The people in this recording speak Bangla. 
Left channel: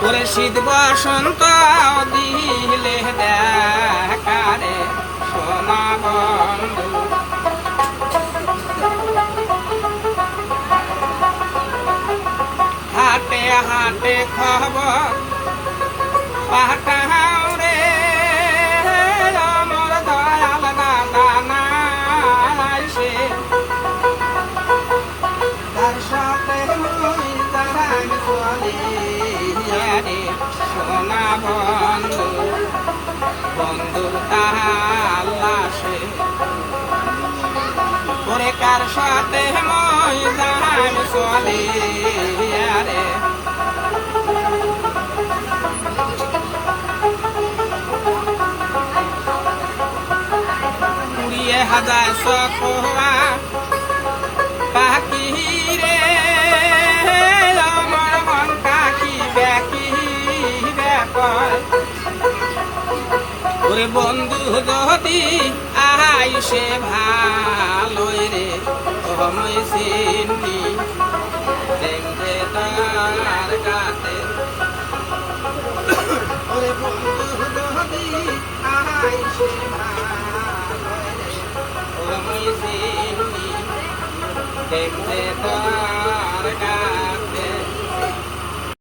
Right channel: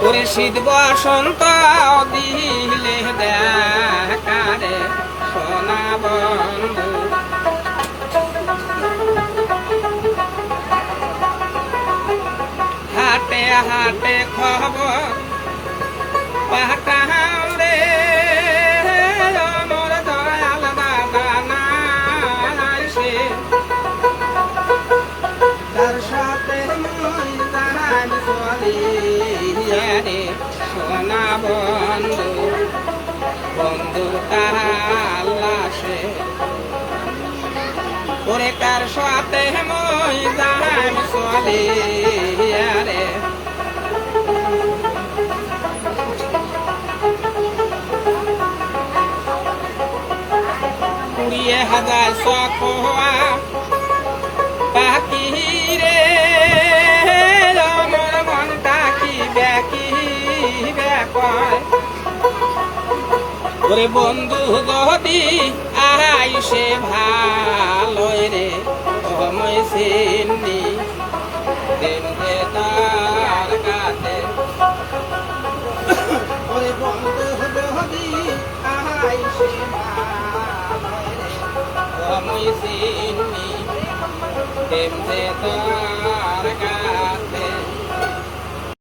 ওরে শীত বসন্ত দিলে দেখারে সোনা বন্ধু হাটে হাটে খবর পাঠাও রে আমার দয়াল দাদা নাই সে তার সাথে মই দাঁড়াই চলি রে সোনা বন্ধু বন্ধু আল্লাহ সে ওরে কার সাথে মই দাঁড়াই চলি রে কুড়িয়ে হাজার সখোয়া পাখি রে আমার মন কাকি ব্যাকি ব্যাপার ওরে বন্ধু যদি আইসে ভালো রে সময় চিনি দেখবে তার কাছে ওরে বন্ধু যদি আইসে ভালো রে সময় চিনি দেখবে তার